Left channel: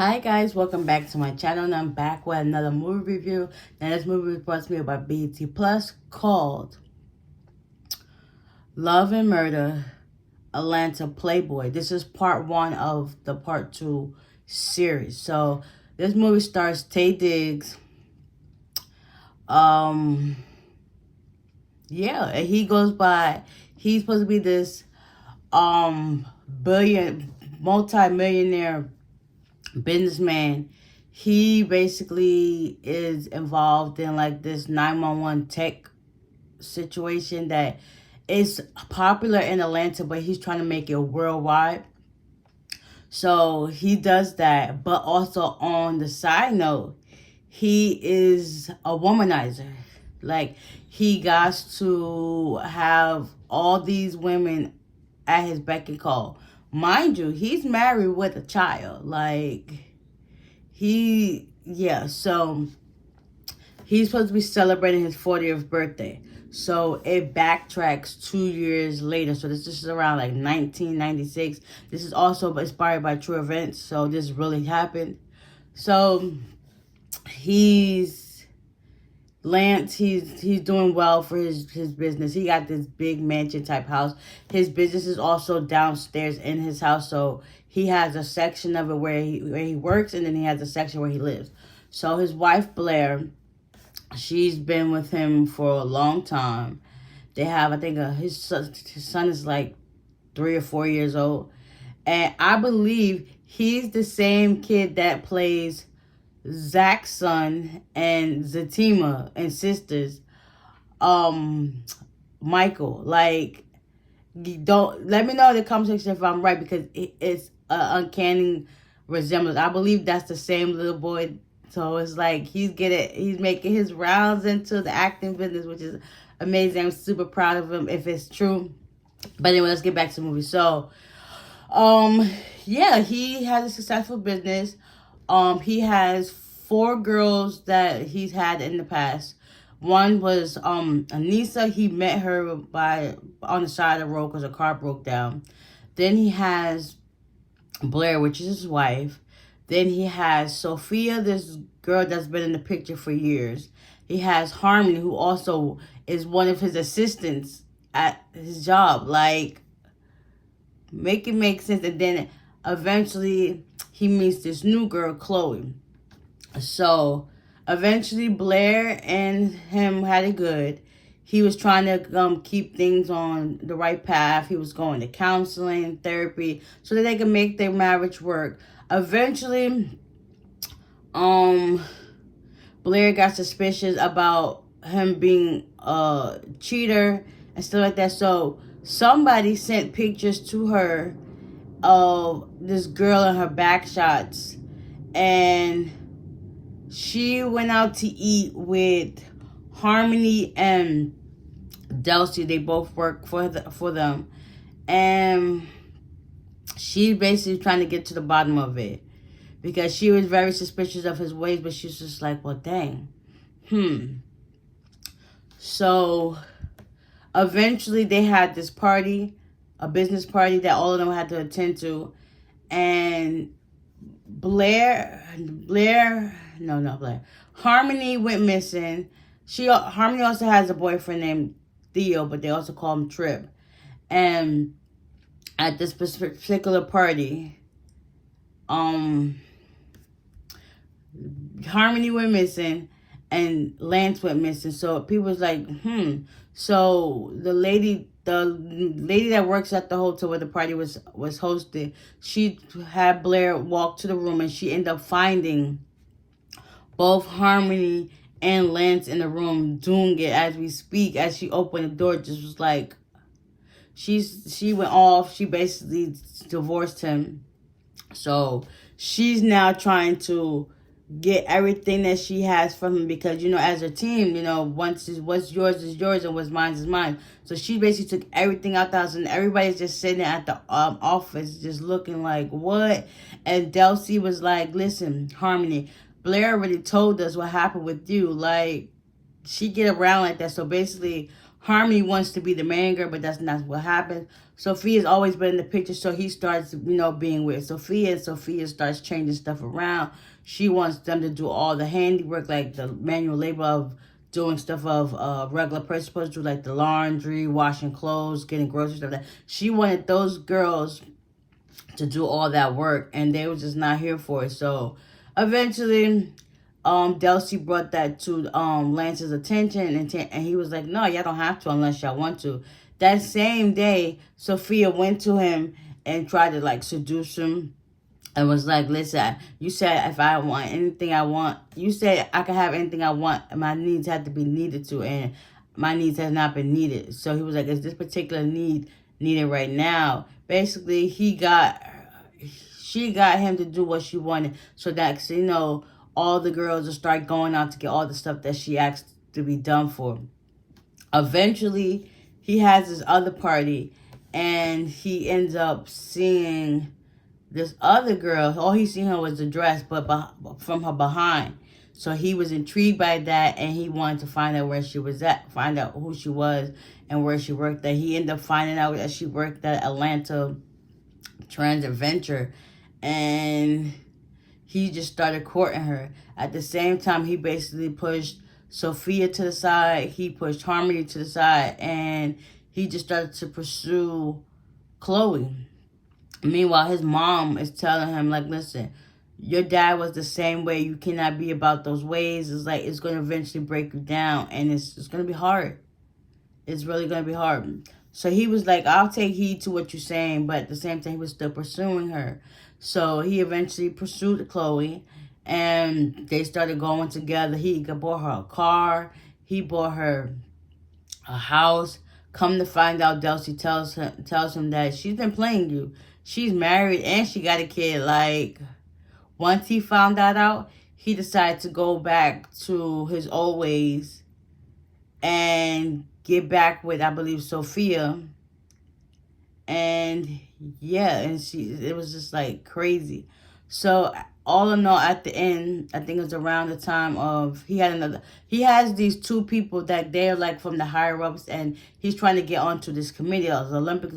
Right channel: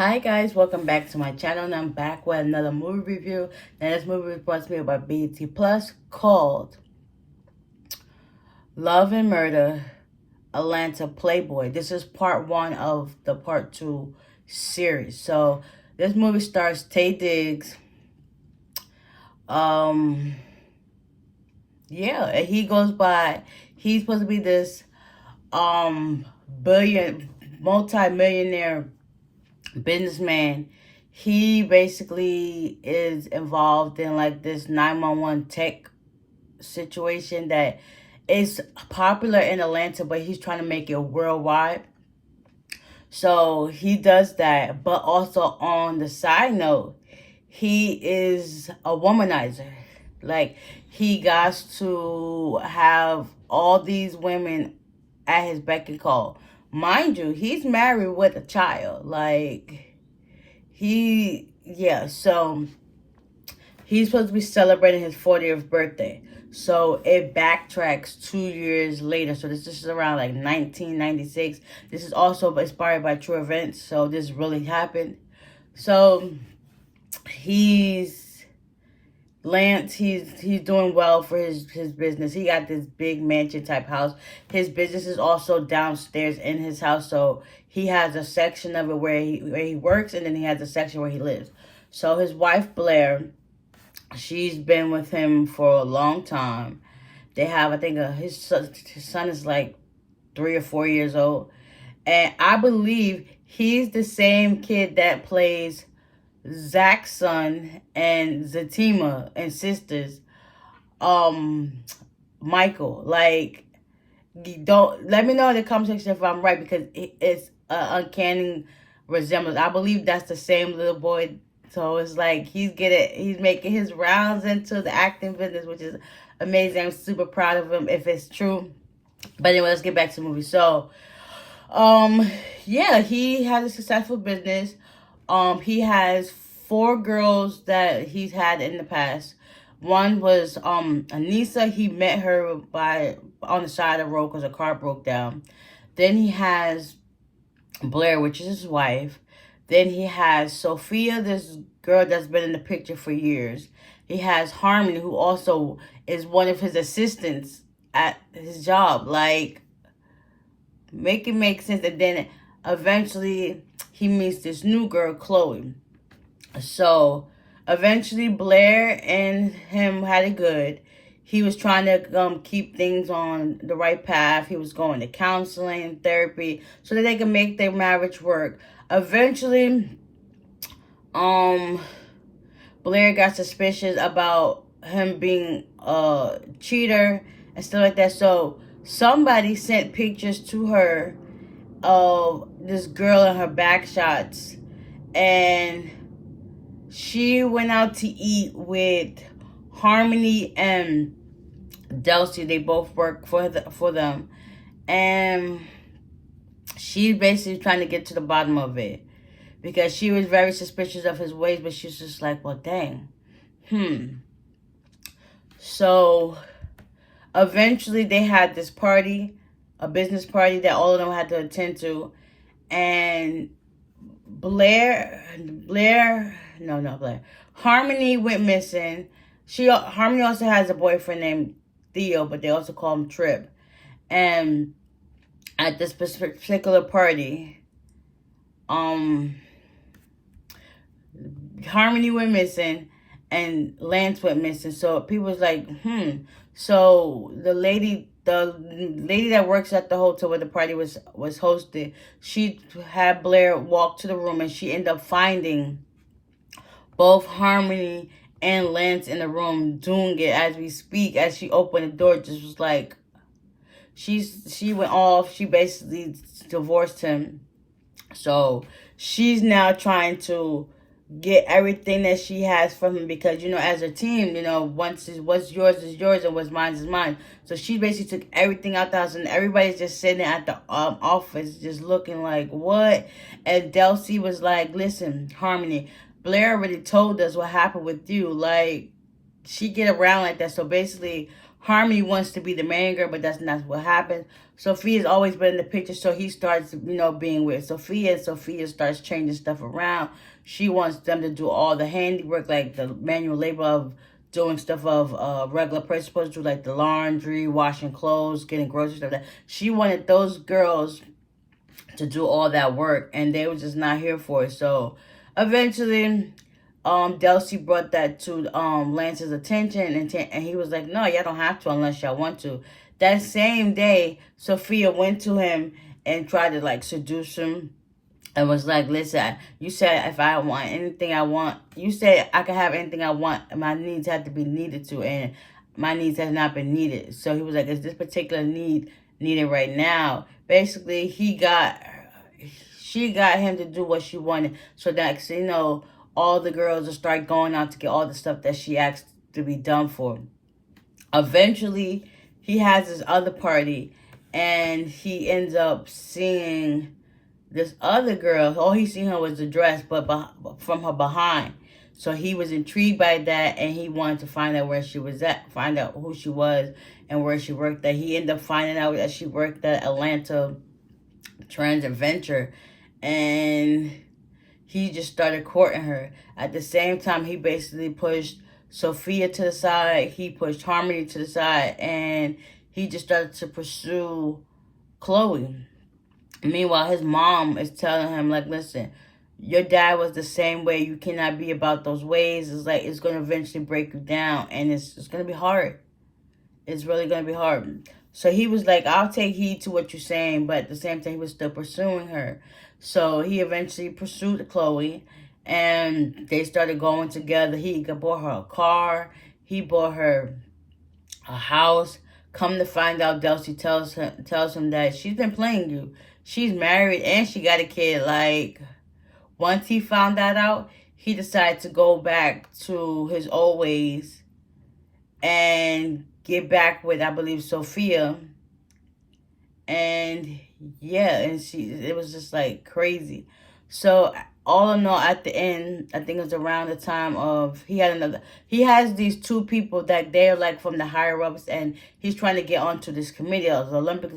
Hi guys, welcome back to my channel, and I'm back with another movie review. Now this movie was brought to me by BET Plus, called Love and Murder, Atlanta Playboy. This is part one of the part two series. So this movie stars Taye Diggs. Yeah, he goes by, he's supposed to be this multi-millionaire businessman. He basically is involved in like this 911 tech situation that is popular in Atlanta, but he's trying to make it worldwide. So he does that, but also on the side note, he is a womanizer. Like, he got to have all these women at his beck and call. Mind you, he's married with a child. Like, so he's supposed to be celebrating his 40th birthday. So it backtracks 2 years later. So this is around like 1996. This is also inspired by true events. So this really happened. So Lance, he's doing well for his business. He got this big mansion type house. His business is also downstairs in his house. So he has a section of it where he works, and then he has a section where he lives. So his wife Blair, she's been with him for a long time. They have, I think, his son is like 3 or 4 years old. And I believe he's the same kid that plays Zach's son and Zatima and sisters, Michael. Like, don't let me know in the comment section if I'm right, because it's an uncanny resemblance. I believe that's the same little boy. So it's like he's making his rounds into the acting business, which is amazing. I'm super proud of him if it's true. But anyway, let's get back to the movie. So, yeah, he has a successful business. He has 4 girls that he's had in the past. One was Anissa. He met her on the side of the road because a car broke down. Then he has Blair, which is his wife. Then he has Sophia, this girl that's been in the picture for years. He has Harmony, who also is one of his assistants at his job. Like, make it make sense. And then eventually he meets this new girl, Chloe. So eventually Blair and him had it good. He was trying to keep things on the right path. He was going to counseling, therapy, so that they could make their marriage work. Eventually, Blair got suspicious about him being a cheater and stuff like that. So somebody sent pictures to her of this girl in her back shots, and she went out to eat with Harmony and Delcy. They both work for them, and she's basically trying to get to the bottom of it, because she was very suspicious of his ways, but she's just like, well, dang. So eventually they had this party, a business party that all of them had to attend to, and Harmony went missing. Harmony also has a boyfriend named Theo, but they also call him Trip. And at this particular party, Harmony went missing and Lance went missing. So people was like, So the lady that works at the hotel where the party was hosted, she had Blair walk to the room, and she ended up finding both Harmony and Lance in the room doing it as we speak. As she opened the door, just was like, she went off. She basically divorced him. So she's now trying to get everything that she has from him, because, as a team, once what's yours is yours and what's mine is mine. So she basically took everything out the house, and everybody's just sitting at the office just looking like, what? And Delcy was like, listen, Harmony, Blair already told us what happened with you. Like, she get around like that. So basically Harmony wants to be the main girl, but that's not what happened. Sophia's always been in the picture, so he starts, being with Sophia, and Sophia starts changing stuff around. She wants them to do all the handiwork, like the manual labor of doing stuff of regular person supposed to do, like the laundry, washing clothes, getting groceries, stuff like that. She wanted those girls to do all that work, and they were just not here for it. So eventually, Delcy brought that to Lance's attention, and he was like, "No, y'all don't have to unless y'all want to." That same day, Sophia went to him and tried to like seduce him, and was like, "Listen, you said if I want anything I want, you said I can have anything I want, and my needs have to be needed to, and my needs have not been needed." So he was like, "Is this particular need needed right now?" Basically, she got him to do what she wanted, so that all the girls will start going out to get all the stuff that she asked to be done for. Eventually, he has this other party, and he ends up seeing this other girl. All he seen her was the dress, but from her behind. So he was intrigued by that, and he wanted to find out where she was at, find out who she was and where she worked at. He ended up finding out that she worked at Atlanta Transit Venture, and he just started courting her. At the same time, he basically pushed Sophia to the side. He pushed Harmony to the side, and he just started to pursue Chloe. Meanwhile, his mom is telling him, like, "Listen, your dad was the same way. You cannot be about those ways. It's like, it's going to eventually break you down, and it's going to be hard. It's really going to be hard." So he was like, "I'll take heed to what you're saying," but at the same time, he was still pursuing her. So he eventually pursued Chloe, and they started going together. He bought her a car. He bought her a house. Come to find out, Delcy tells him that she's been playing you. She's married and she got a kid. Like, once he found that out, he decided to go back to his old ways and get back with, I believe, Sophia. And yeah, and it was just like crazy. So all in all, at the end, I think it was around the time of, he has these two people that they're like from the higher ups, and he's trying to get onto this committee, the Olympic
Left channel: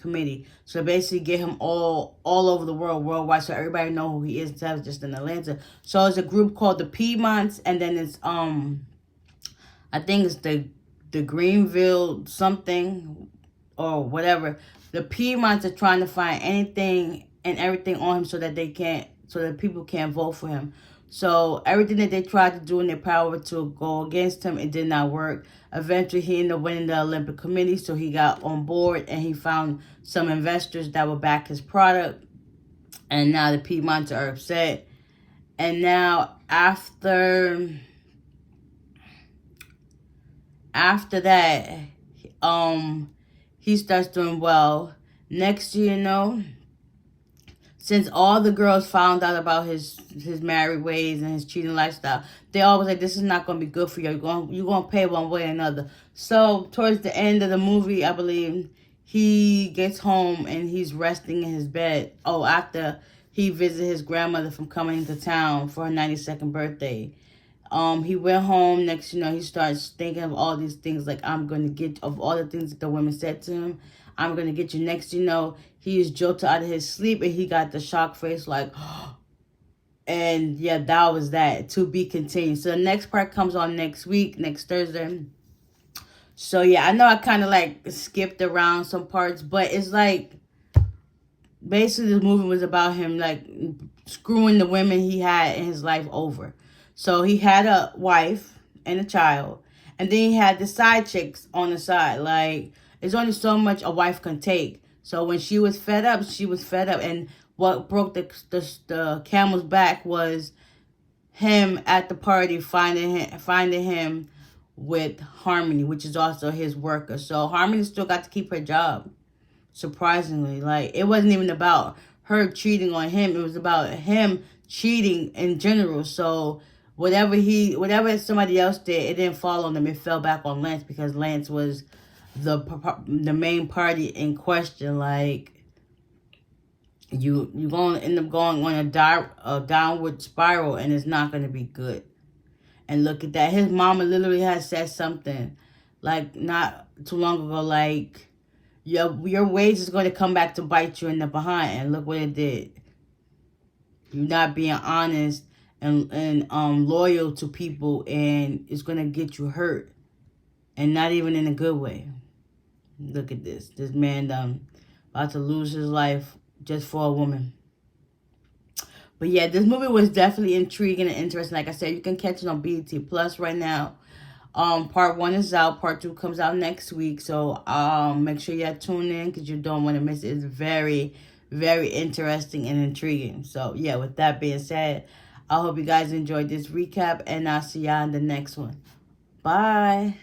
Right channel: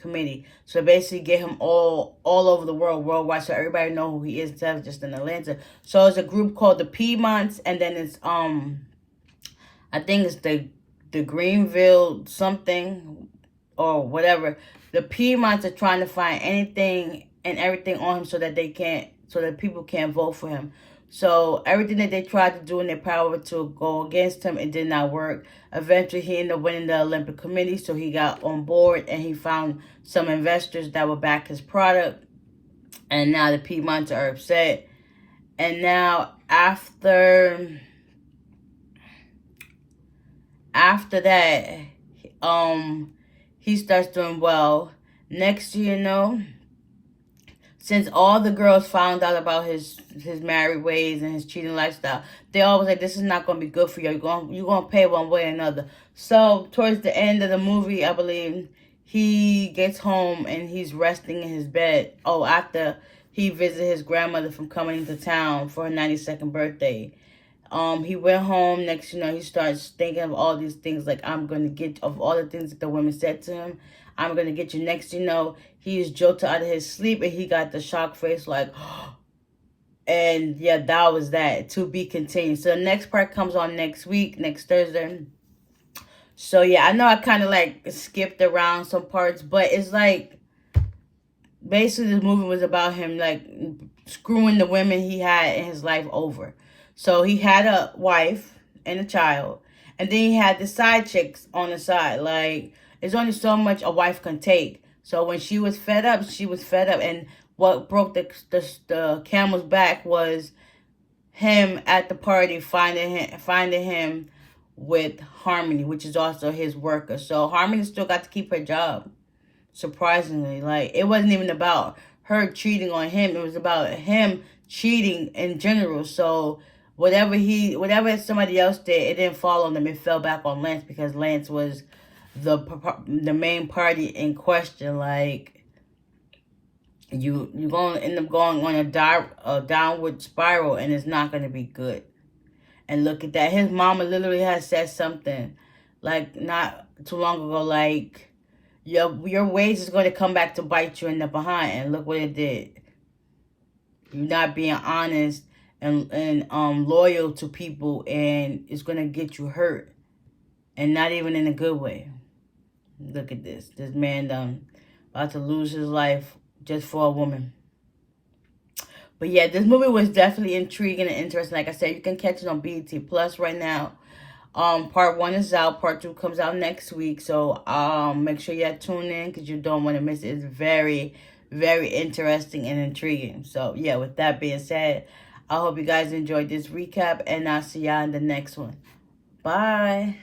committee. So basically get him all over the world, worldwide, so everybody know who he is instead of just in Atlanta. So it's a group called the Piedmonts, and then it's I think it's the Greenville something or whatever. The Piedmonts are trying to find anything and everything on him so that people can't vote for him. So everything that they tried to do in their power to go against him, it did not work. Eventually, he ended up winning the Olympic Committee, so he got on board, and he found some investors that would back his product. And now the Piedmonts are upset. And now after that, he starts doing well. Next year, since all the girls found out about his married ways and his cheating lifestyle, they always like, "This is not going to be good for you. You're going to pay one way or another." So towards the end of the movie, I believe, he gets home and he's resting in his bed. Oh, after he visited his grandmother from coming into town for her 92nd birthday. He went home. Next, he starts thinking of all these things, like, I'm going to get, of all the things that the women said to him, "I'm going to get you." Next, he is jolted out of his sleep, and he got the shock face, like, and yeah, that was that. To be continued. So the next part comes on next week, next Thursday. So yeah, I know I kind of like skipped around some parts, but it's like, basically, this movie was about him like screwing the women he had in his life over. So he had a wife and a child, and then he had the side chicks on the side. Like, there's only so much a wife can take. So when she was fed up, she was fed up. And what broke the camel's back was him at the party finding him with Harmony, which is also his worker. So Harmony still got to keep her job, surprisingly. Like, it wasn't even about her cheating on him. It was about him cheating in general. So whatever somebody else did, it didn't fall on them. It fell back on Lance, because Lance was the main party in question. Like, you're going to end up going on a downward spiral, and it's not going to be good. And look at that. His mama literally has said something, like, not too long ago, like, your ways is going to come back to bite you in the behind. And look what it did. You're not being honest and loyal to people, and it's going to get you hurt. And not even in a good way. Look at this. This man about to lose his life just for a woman. But yeah, this movie was definitely intriguing and interesting. Like I said, you can catch it on BET Plus right now. Part 1 is out. Part 2 comes out next week. So make sure you tune in because you don't want to miss it. It's very, very interesting and intriguing. So yeah, with that being said, I hope you guys enjoyed this recap, and I'll see y'all in the next one. Bye.